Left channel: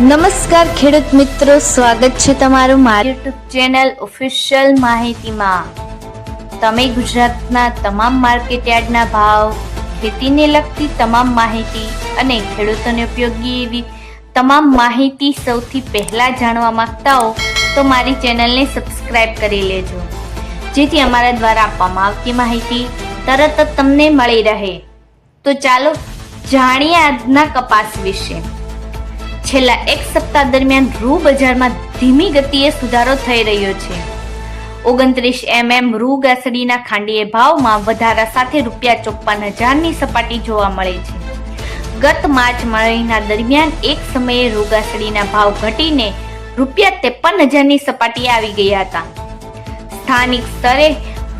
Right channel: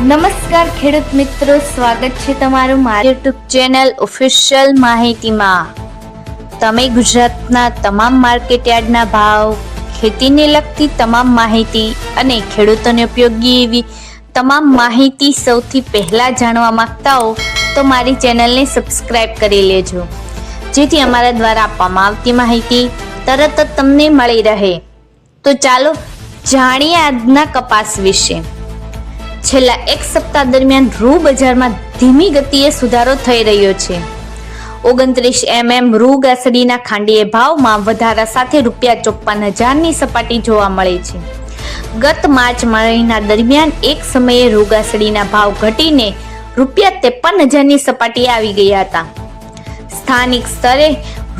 નમસ્કાર ખેડૂત મિત્રો, સ્વાગત છે તમારું મારી યુટ્યુબ ચેનલ ઓફિશિયલ માહિતીમાં। તમે ગુજરાતના તમામ માર્કેટયાર્ડના ભાવ, ખેતીને લગતી તમામ માહિતી અને ખેડૂતોને ઉપયોગી એવી તમામ માહિતી સૌથી પહેલા જાણવા માંગતા હો તો મારી ચેનલને સબસ્ક્રાઇબ કરી લેજો, જેથી અમારા દ્વારા આપવામાં આવતી માહિતી તરત જ તમને મળી રહે। તો ચાલો જાણીએ આજના કપાસ વિશે। છેલ્લા એક સપ્તાહ દરમિયાન રૂ બજારમાં ધીમી ગતિએ સુધારો થઈ રહ્યો છે। 29 mm રૂ ગાસડીના ખાંડીય ભાવમાં વધારા સાથે ₹54,000ની સપાટી જોવા મળી છે। ગત માર્ચ મહિના દરમિયાન એક સમયે રૂ ગાસડીના ભાવ ઘટીને ₹53,000ની સપાટી આવી ગયા હતા। સ્થાનિક સ્તરે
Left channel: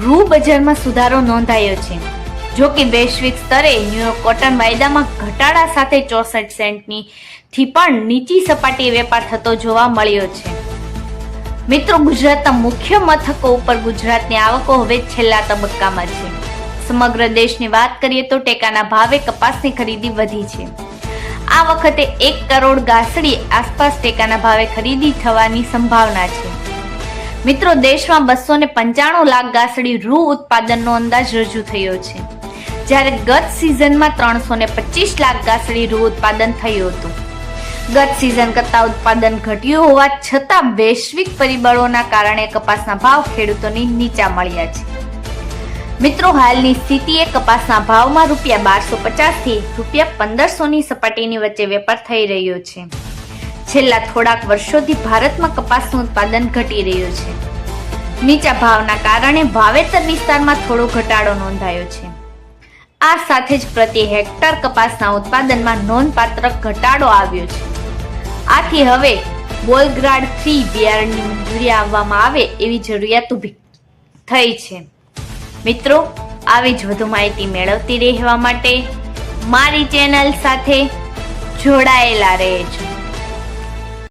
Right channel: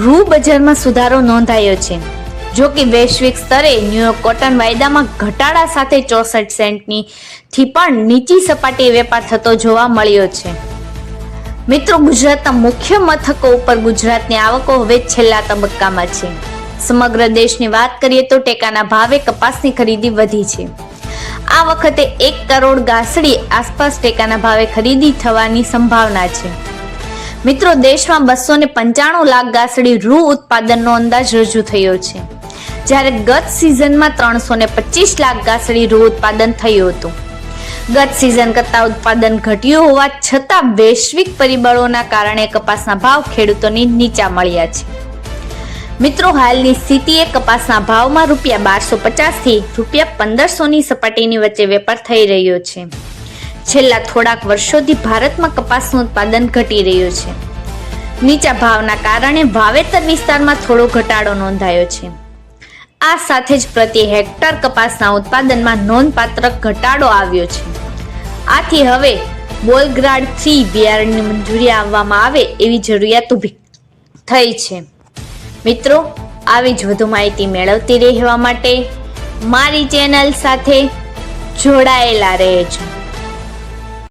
રૂ બજારમાં સુધારો નોંધાયો છે, જો કે વૈશ્વિક સ્તરે ન્યૂયોર્ક કોટન વાયદામાં ઘટાડા સાથે 64 સેન્ટની થી પણ નીચી સપાટીએ વેપાર થતો જોવા મળ્યો છે। મિત્રો, ગુજરાતના મુખ્ય મથકો ઉપર ગુજરાતની આવકો હવે છેલ્લા તબક્કામાં છે। સમગ્ર દેશની વાત કરીએ તો ટેકાના ભાવે કપાસની ખરીદી વધી છે। આ વખતે 1 કરોડ ગાસડી આસપાસ ટેકાના ભાવે ખરીદી થવાની સંભાવના છે। મિત્રો, દેશમાં 295 લાખ ગાસડી રૂ ઉત્પાદનનો અંદાજ રજૂ થયો છે, જ્યારે ગત સિઝનમાં 325 લાખ ગાસડી રૂ ઉત્પાદન થયું હતું। ગત સિઝન કરતા ઉત્પાદન ઘટ્યું હોવા છતાં વૈશ્વિક પરિબળોના કારણે કપાસના ભાવ ખેડૂતોને નીચા મળ્યા છે। મિત્રો, હાલની સ્થિતિએ કપાસના ભાવમાં ₹1250 થી ₹1500ની સપાટીની વચ્ચે વેપાર થઈ રહ્યો છે। છેલ્લા થોડાક વર્ષોથી ભારતમાં કપાસનું ઉત્પાદન ઘટી રહ્યું છે। નીચા ભાવના કારણે વાવેતર વિસ્તારમાં થોડો ઘટાડો નોંધાયો છે। આ સાથે જ પ્રતિ હેક્ટર કપાસના ઉત્પાદનમાં નોંધપાત્ર ઘટાડો આવ્યો છે। આથી હવે બોલગ્રાડથી બિયારણની મંજૂરી આપવામાં આવે એવી જરૂરિયાત ઊભી થઈ છે। મિત્રો, આવી જ વધુ માહિતી મેળવતી રહેવા માટે મારી ચેનલ સાથે જોડાયેલા રહેજો।